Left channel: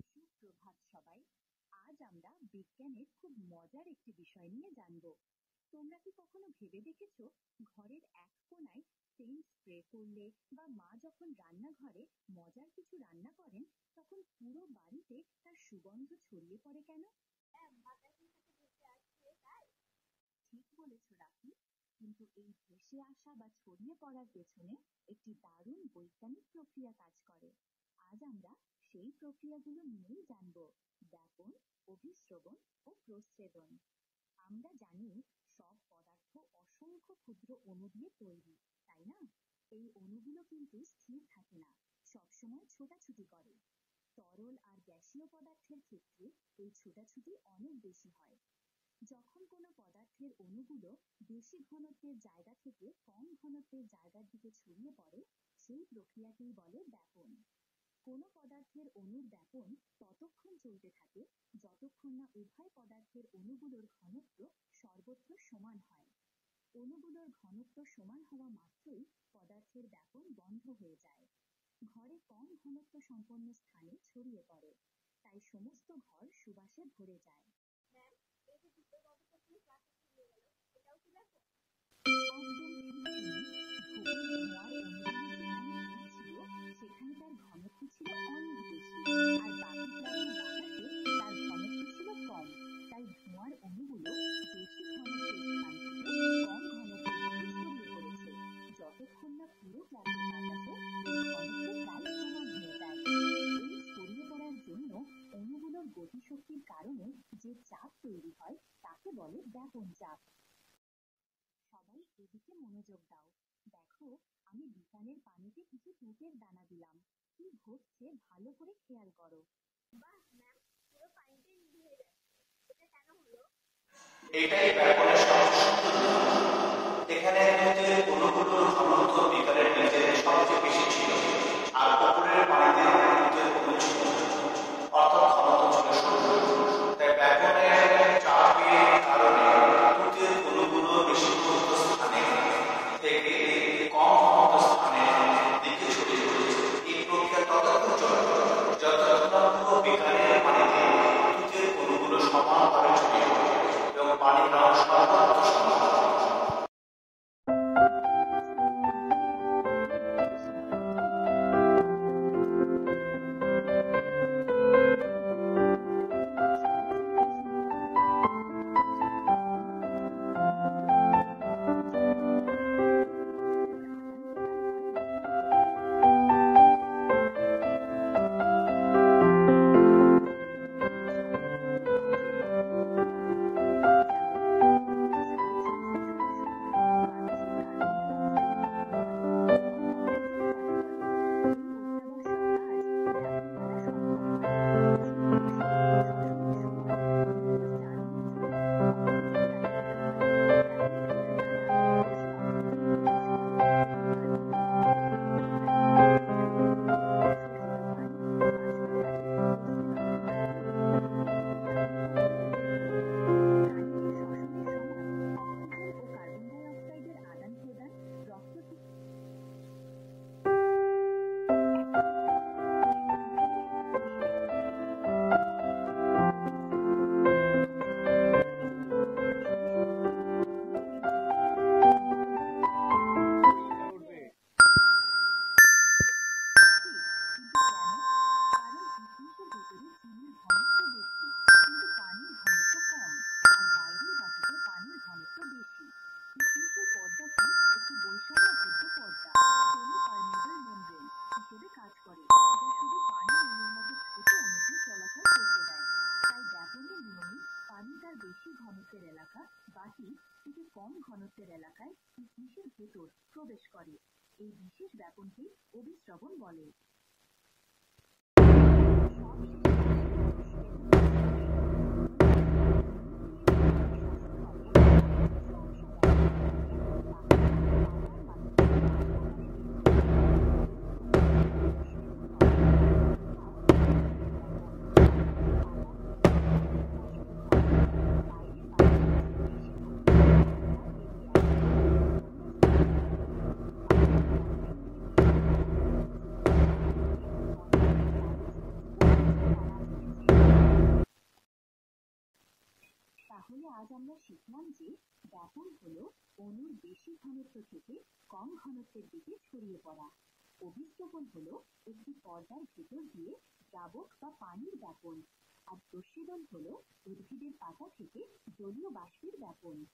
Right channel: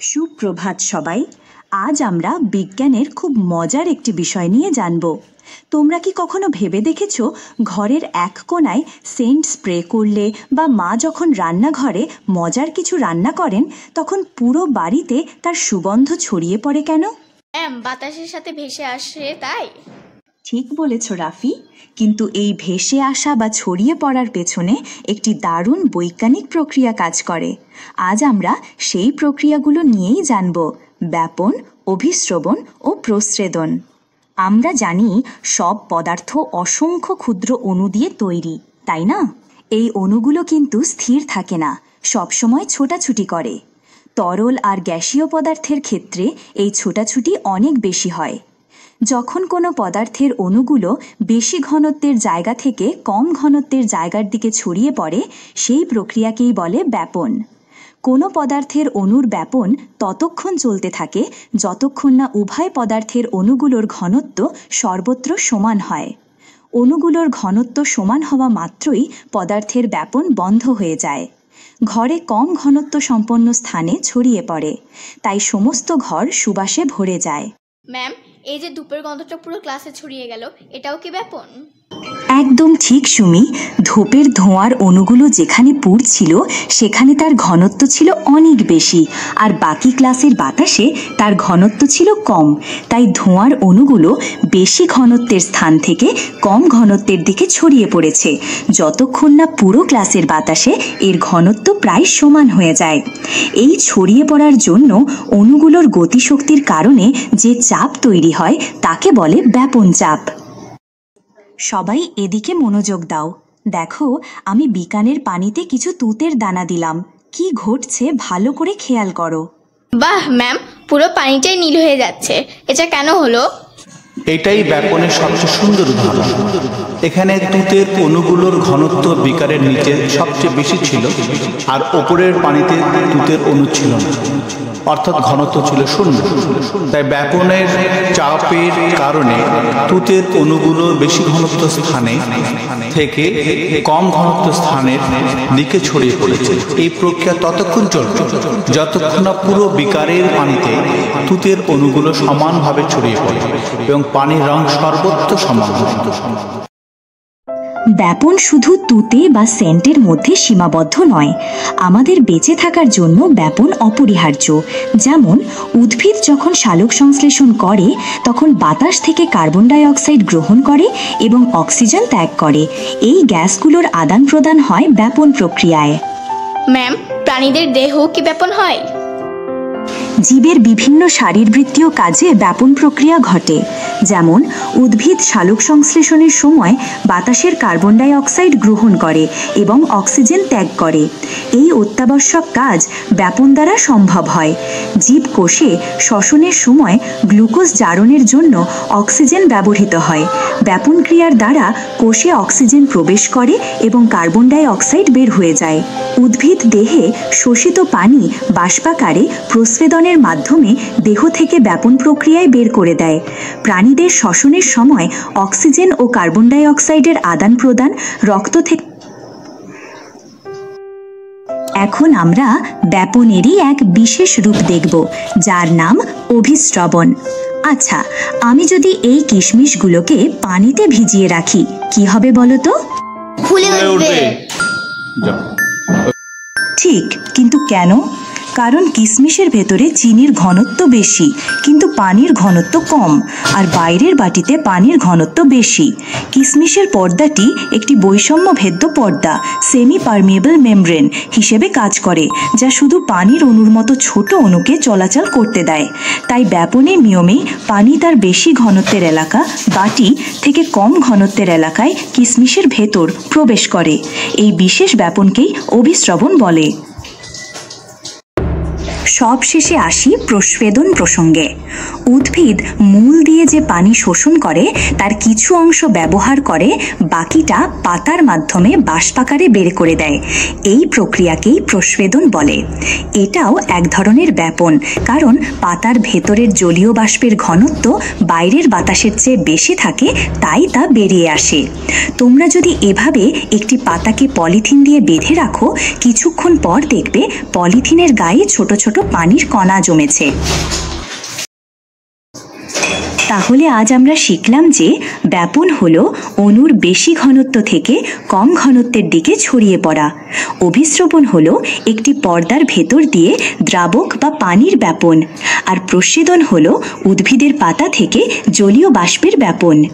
সুপ্রভাত সবাই। আজ আমরা বিজ্ঞানের খুব মজার একটি বিষয় নিয়ে জানব। তোমরা কি কখনো ভেবে দেখেছো ঘরের এক কোণায় সেন্ট স্প্রে করলে বা মা যখন রান্নাঘরে মজার কিছু রান্না করেন তখন পুরো বাড়িতে তার সুগন্ধ ছড়িয়ে পড়ে কেন? বাতাসের সাথে ভেসে আসে তাই। ঠিক বলেছ রাফি, কিন্তু এই ভেসে আসা বা ছড়িয়ে পড়ার পেছনে একটি দারুণ বৈজ্ঞানিক প্রক্রিয়া কাজ করে। আজ আমরা সেই প্রক্রিয়াগুলো নিয়েই জানব: ব্যাপন, অভিস্রবণ ও প্রস্রেদন। আমরা জানি সব পদার্থ অসংখ্য ক্ষুদ্র অণু দিয়ে তৈরি, তাই না? এই অণুগুলো কিন্তু স্থির থাকে না, সবসময় ছোটাছুটি করে। তরল আর গ্যাসীয় পদার্থের ক্ষেত্রে এই ছোটাছুটি অনেক বেশি হয়। যখন কোনো পদার্থের অণুগুলো বেশি ঘনত্বের জায়গা থেকে কম ঘনত্বের জায়গার দিকে ছড়িয়ে পড়ে, সেই প্রক্রিয়াকেই বলে ব্যাপন। কোনো পদার্থের অণুর ব্যাপন ততক্ষণ চলতে থাকে যতক্ষণ না উভয় পদার্থের অণুগুলোর ঘনত্ব সর্বত্র সমান হয়। অণুগুলোর ঘনত্ব সমান হওয়া মাত্রই পদার্থের ব্যাপন বন্ধ হয়ে যায়। ঘরে কম ঘনত্ব সম্পন্ন স্থানে ছড়িয়ে পড়ে, তাই সমস্ত ঘর সুবাসে ভরে যায়। ম্যাম, এই যে ধূপের গন্ধটা পুরো ক্লাসে ছড়িয়ে গেল, এটাও কি ব্যাপন? একদম ঠিক সুমি। ধূপের ধোঁয়ার অণুগুলো যেখানে পুড়ছিল সেখানে তার ঘনত্ব ছিল অনেক বেশি, আর বাকি ক্লাসের বাতাসে তার ঘনত্ব ছিল কম। তাই ধোঁয়ার অণুগুলো বেশি ঘনত্বের স্থান থেকে কম ঘনত্বের দিকে ছড়িয়ে পড়েছে, যতক্ষণ না পুরো ক্লাসের বাতাসে এর ঘনত্ব প্রায় সমান হয়ে যায়। এই ছড়িয়ে পড়ার জন্য অণুগুলোর গতিশক্তির কারণে যে চাপ তৈরি হয় তাকে বলে ব্যাপন চাপ। সবাই এদিকে মনোযোগ দাও। দেখো, আমি বিকানের পানিতে কিছু তুতের দানা দিলাম। কি ঘটছে ভালো করে খেয়াল করো। বাহ ম্যাম, পুরো পানিটাই নীল হয়ে যাচ্ছে। এটা কেন হলো? এটাই ব্যাপনের সবচেয়ে সুন্দর উদাহরণ। এখানে তুতের অণুগুলোর ঘনত্ব বিকারের নিচে সবচেয়ে বেশি ছিল, আর ওপরের পানিতে তুতের অণু ছিল না, অর্থাৎ ঘনত্ব ছিল শূন্য। তাই ব্যাপনের চাপের কারণে তুতের অণুগুলো বেশি ঘনত্ব স্থানে থেকে কম ঘনত্ব স্থানের দিকে ছড়িয়ে পড়েছে। এই প্রক্রিয়া ততক্ষণ চলবে যতক্ষণ না পুরো বিকারের পানিতে তুতের অণুগুলো সমানভাবে ছড়িয়ে পড়ে এবং পানির রং সর্বত্র সমান। ব্যাপন শুধু তুতে বা সেন্টের মধ্যে সীমাবদ্ধ নয়। আমাদের বেঁচে থাকার জন্য ব্যাপন অপরিহার্য। যেমন উদ্ভিদ যখন সালোক সংশ্লেষণ করে তখন বাতাস থেকে কার্বন ডাই অক্সাইড গ্রহণ করে এবং অক্সিজেন ত্যাগ করে। এই গ্যাসগুলোর আদান প্রদান হয় ব্যাপন প্রক্রিয়ায়। ম্যাম, প্রাণীদের দেহ কি ব্যাপন হয়? জীবের বিভিন্ন শারীরবৃত্তীয় কাজে ব্যাপন প্রক্রিয়া ঘটে। যেমন উদ্ভিদ সালোক সংশ্লেষণের সময় বাতাসের কার্বন ডাই অক্সাইড গ্রহণ করে এবং অক্সিজেন ত্যাগ করে। এই অত্যাবশ্যক কাজ ব্যাপন দ্বারা সম্ভব হয়। জীবকোষে শ্বসনের সময় গ্লুকোজ জারণের জন্য অক্সিজেন ব্যবহৃত হয়। ব্যাপন ক্রিয়ার দ্বারা কোষে অক্সিজেন প্রবেশ করে এবং কার্বন ডাই অক্সাইড বের হয়ে যায়। উদ্ভিদ দেহে শোষিত পানি বাষ্পাকারে প্রস্রেদনের মাধ্যমে দেহ থেকে ব্যাপন প্রক্রিয়ায় বের করে দেয়। প্রাণীদের শ্বসনের সময় অক্সিজেন ও কার্বন ডাই অক্সাইডের আদান প্রদান রক্ত থেকে। এখন আমরা ব্যাপনেরই এক বিশেষ রূপ দেখব, যার নাম অভিস্রবণ। আচ্ছা, আমি যদি এই কিশমিশগুলোকে পানিতে ভিজিয়ে রাখি কি হবে বলো তো? ফুলে উঠবে। ঠিক, কিন্তু কেন? কারণ কিশমিশের ভেতরে চিনির ঘনত্ব বেশি কিন্তু পানির ঘনত্ব কম, আর বাইরের বাটিতে পানির ঘনত্ব বেশি। কিশমিশের পর্দাটি একটি বৈষম্য ভেদ্য পর্দা, সেমি পারমিয়েবল মেমব্রেন হিসেবে কাজ করে, যা শুধু পানির অণুর মতো ছোট অণুকে চলাচল করতে দেয়। তাই ব্যাপনের নিয়মে পানি তার বেশি ঘনত্বের এলাকা বাটি থেকে কম ঘনত্বের এলাকায় কিশমিশের ভেতর প্রবেশ করে। এই বিশেষ ব্যাপনকেই অভিস্রবণ বলে। সবশেষে আসি প্রস্রেদন প্রসঙ্গে। উদ্ভিদ মূল দিয়ে যে পানি শোষণ করে তার কিছু অংশ ব্যবহার করে বাকিটা পাতার মাধ্যমে বাষ্পাকারে বের করে দেয়। এই প্রক্রিয়াকেই প্রস্রেদন বলে। এটাও এক ধরনের ব্যাপন, কারণ পাতার ভেতরের জলীয় বাষ্পের ঘনত্ব বাইরের বাতাসের চেয়ে বেশি থাকে, তাই তা বেরিয়ে আসে। তোমরা যদি এভাবে একটি পাতাকে পলিথিন দিয়ে বেঁধে রাখো, কিছুক্ষণ পর দেখবে পলিথিনের গায়ে ছোট ছোট পানির কণা জমেছে। তাহলে আজ আমরা শিখলাম যে ব্যাপন হলো অণুর বেশি ঘনত্ব থেকে কম ঘনত্বের দিকে ছড়িয়ে পড়া। অভিস্রবণ হলো একটি পর্দার ভেতর দিয়ে দ্রাবক বা পানির ব্যাপন। আর প্রস্বেদন হলো উদ্ভিদের পাতা থেকে জলীয় বাষ্পের ব্যাপন।